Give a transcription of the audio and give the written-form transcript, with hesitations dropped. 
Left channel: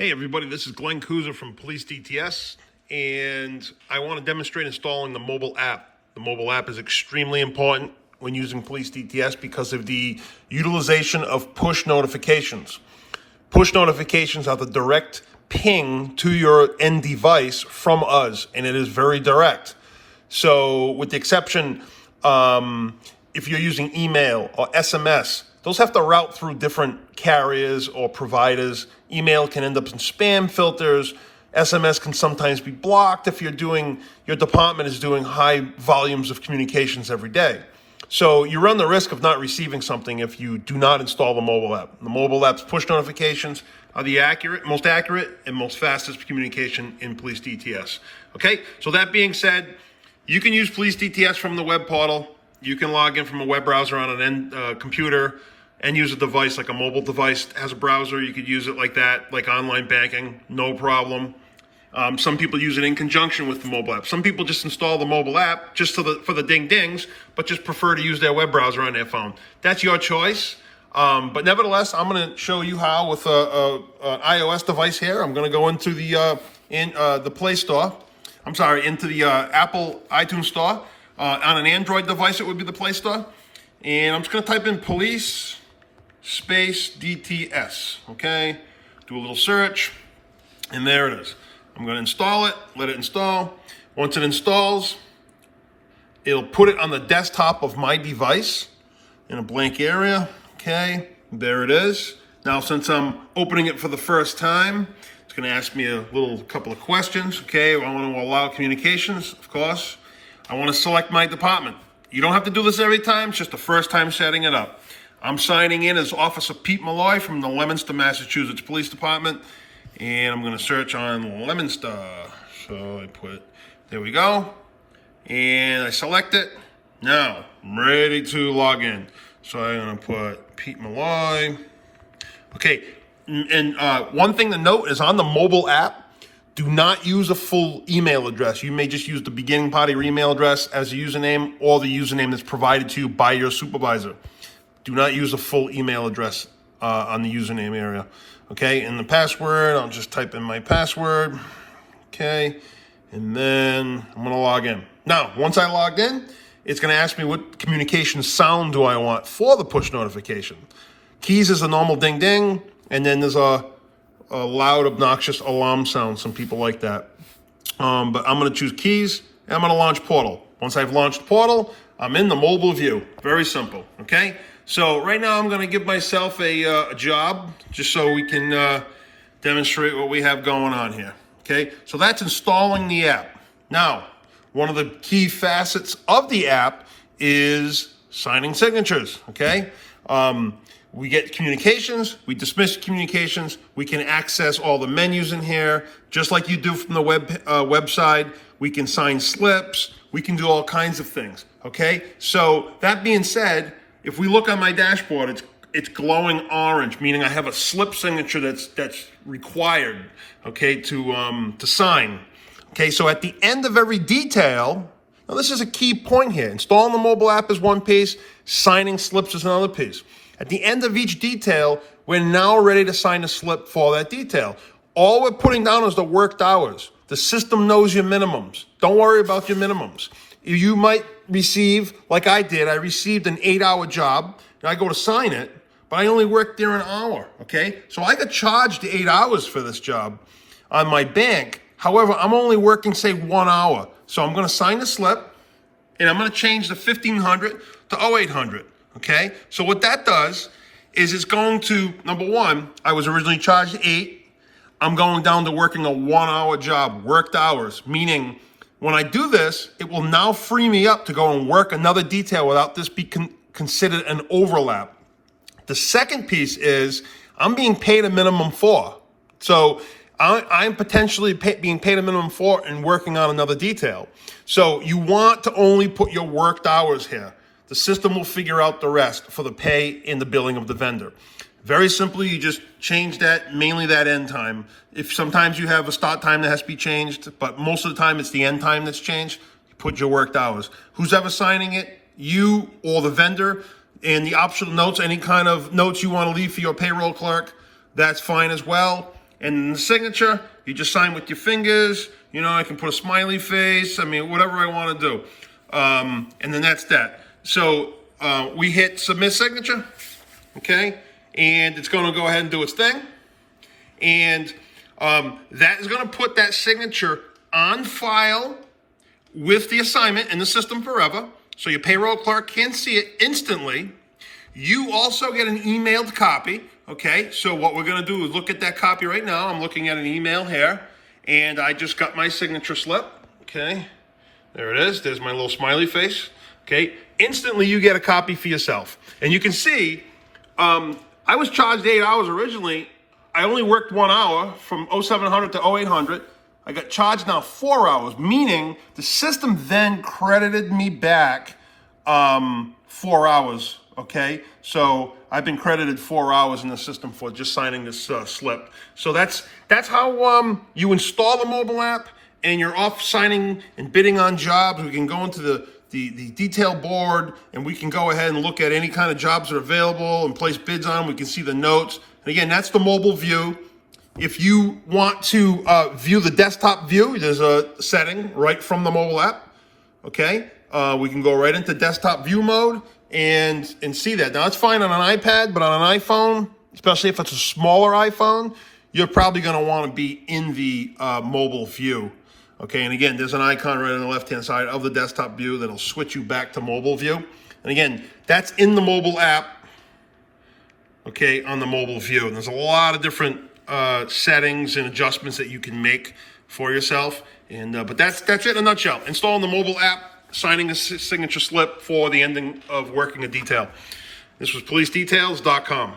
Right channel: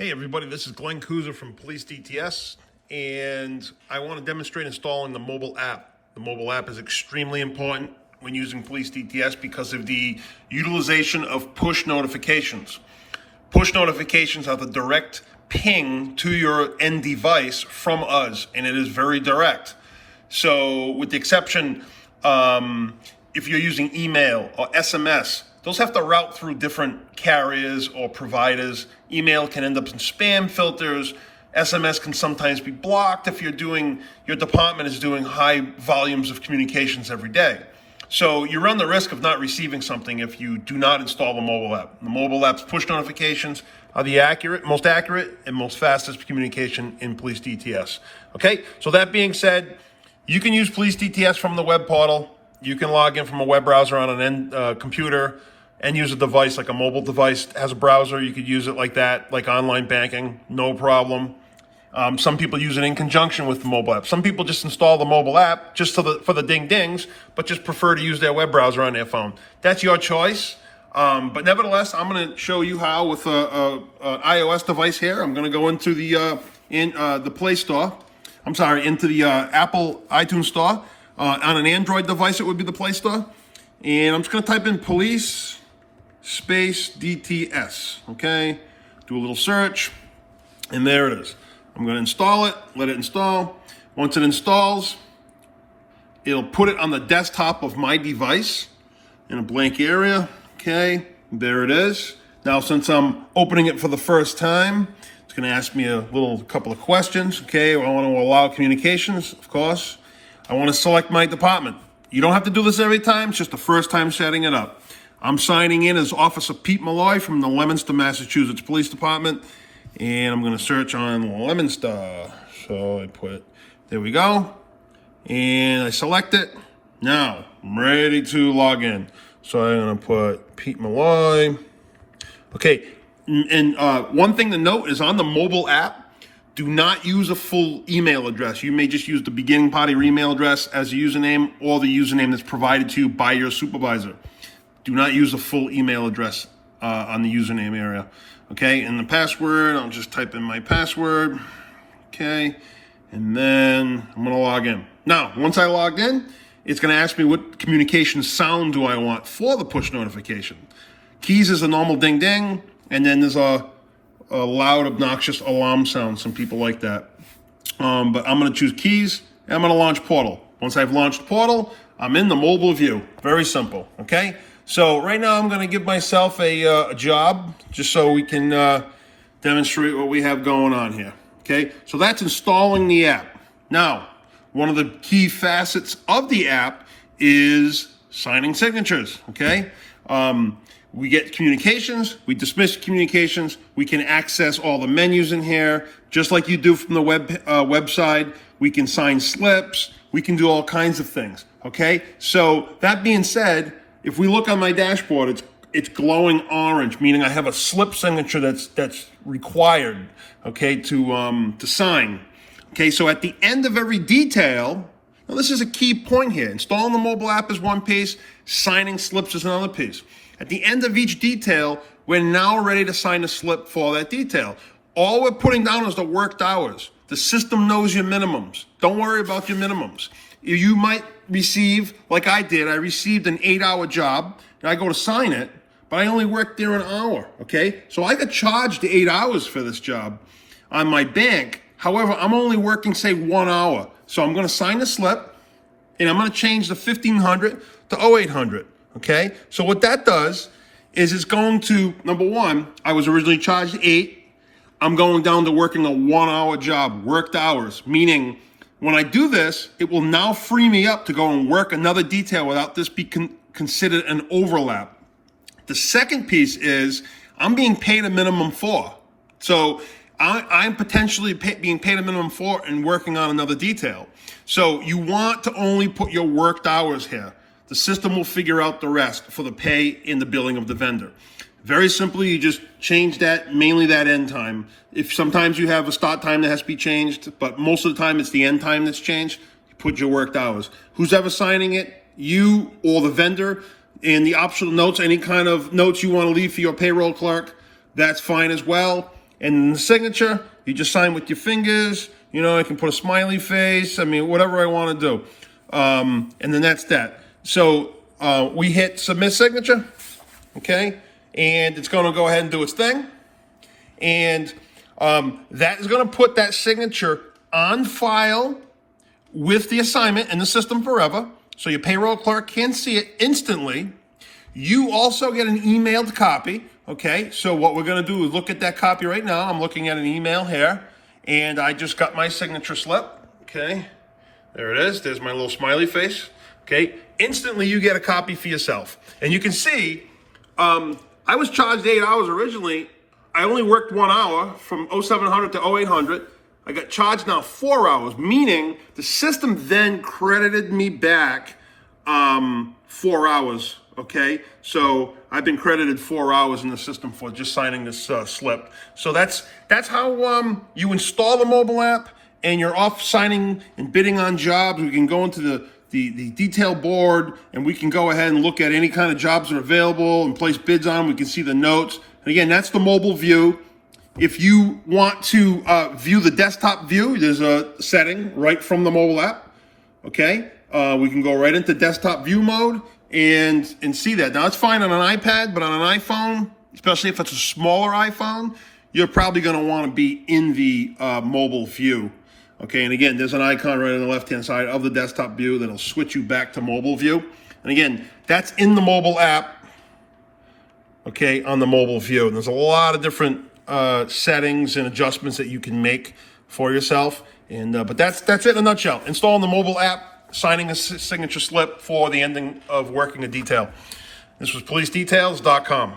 Hey everybody, this is Glenn Kuzer from Police DTS, and I want to demonstrate installing the mobile app. The mobile app is extremely important when using Police DTS because of the utilization of push notifications. Push notifications are the direct ping to your end device from us, and it is very direct. So with the exception, if you're using email or SMS, those have to route through different carriers or providers. Email can end up in spam filters. SMS can sometimes be blocked if your department is doing high volumes of communications every day. So you run the risk of not receiving something if you do not install the mobile app. The mobile app's push notifications are the most accurate and most fastest communication in Police DTS. Okay, so that being said, you can use Police DTS from the web portal. You can log in from a web browser on an computer and use a device like a mobile device has a browser. You could use it like that, like online banking, no problem. Some people use it in conjunction with the mobile app. Some people just install the mobile app just for the ding-dings, but just prefer to use their web browser on their phone. That's your choice. But nevertheless, I'm going to show you how with an iOS device here. I'm going to go into the Play Store. I'm sorry, into the Apple iTunes Store. On an Android device, it would be the Play Store. And I'm just going to type in police space DTS, okay? Do a little search, and there it is. I'm going to install it, let it install. Once it installs, it'll put it on the desktop of my device in a blank area, okay? There it is. Now, since I'm opening it for the first time, it's going to ask me a couple of questions, okay? I want to allow communications, of course. I want to select my department. You don't have to do this every time. It's just the first time setting it up. I'm signing in as Officer Pete Malloy from the Leominster, Massachusetts Police Department. And I'm going to search on Leominster. So I put, there we go. And I select it. Now, I'm ready to log in. So I'm going to put Pete Malloy. Okay, and one thing to note is on the mobile app, do not use a full email address. You may just use the beginning part of your email address as a username or the username that's provided to you by your supervisor. Do not use a full email address on the username area. Okay, and the password, I'll just type in my password. Okay, and then I'm going to log in. Now, once I logged in, it's going to ask me what communication sound do I want for the push notification. Keys is a normal ding-ding, and then there's a loud, obnoxious alarm sound. Some people like that. But I'm going to choose keys, and I'm going to launch Portal. Once I've launched Portal, I'm in the mobile view. Very simple, okay? So right now I'm going to give myself a job just so we can demonstrate what we have going on here, okay? So that's installing the app. Now, one of the key facets of the app is signing signatures, okay? We get communications, we dismiss communications, we can access all the menus in here, just like you do from the website. We can sign slips, we can do all kinds of things, okay? So that being said, if we look on my dashboard, it's glowing orange, meaning I have a slip signature that's required, okay, to sign. Okay, so at the end of every detail, now this is a key point here. Installing the mobile app is one piece, signing slips is another piece. At the end of each detail, we're now ready to sign a slip for that detail. All we're putting down is the worked hours. The system knows your minimums. Don't worry about your minimums. You might receive, like I did, I received an 8-hour job, and I go to sign it, but I only worked there an hour, okay? So I got charged 8 hours for this job on my bank. However, I'm only working, say, 1 hour. So I'm going to sign the slip, and I'm going to change the 1,500 to 0800. Okay, so what that does is it's going to, number one, I was originally charged 8. I'm going down to working a 1-hour job, worked hours, meaning when I do this, it will now free me up to go and work another detail without this be considered an overlap. The second piece is I'm being paid a minimum for. So I'm potentially being paid a minimum for and working on another detail. So you want to only put your worked hours here. The system will figure out the rest for the pay in the billing of the vendor. Very simply, you just change that, mainly that end time. If sometimes you have a start time that has to be changed, but most of the time it's the end time that's changed, you put your worked hours. Who's ever signing it? You or the vendor. And the optional notes, any kind of notes you want to leave for your payroll clerk, that's fine as well. And the signature, you just sign with your fingers. You know, I can put a smiley face. I mean, whatever I want to do. And then that's that. So we hit submit signature, okay? And it's going to go ahead and do its thing. And that is going to put that signature on file with the assignment in the system forever. So your payroll clerk can see it instantly. You also get an emailed copy, okay? So what we're going to do is look at that copy right now. I'm looking at an email here, and I just got my signature slip, okay? There it is. There's my little smiley face, okay? Instantly, you get a copy for yourself. And you can see, I was charged 8 hours originally. I only worked 1 hour from 0700 to 0800. I got charged now 4 hours, meaning the system then credited me back 4 hours, okay? So I've been credited 4 hours in the system for just signing this slip. So that's how you install the mobile app, and you're off signing and bidding on jobs. We can go into the detail board, and we can go ahead and look at any kind of jobs that are available and place bids on. We can see the notes. And again, that's the mobile view. If you want to view the desktop view, there's a setting right from the mobile app, okay? We can go right into desktop view mode and see that. Now, it's fine on an iPad, but on an iPhone, especially if it's a smaller iPhone, you're probably going to want to be in the mobile view, okay? And again, there's an icon right on the left-hand side of the desktop view that'll switch you back to mobile view. And again, that's in the mobile app, okay, on the mobile view. And there's a lot of different settings and adjustments that you can make for yourself. And but that's it in a nutshell. Installing the mobile app, signing a signature slip for the ending of working a detail. This was PoliceDetails.com.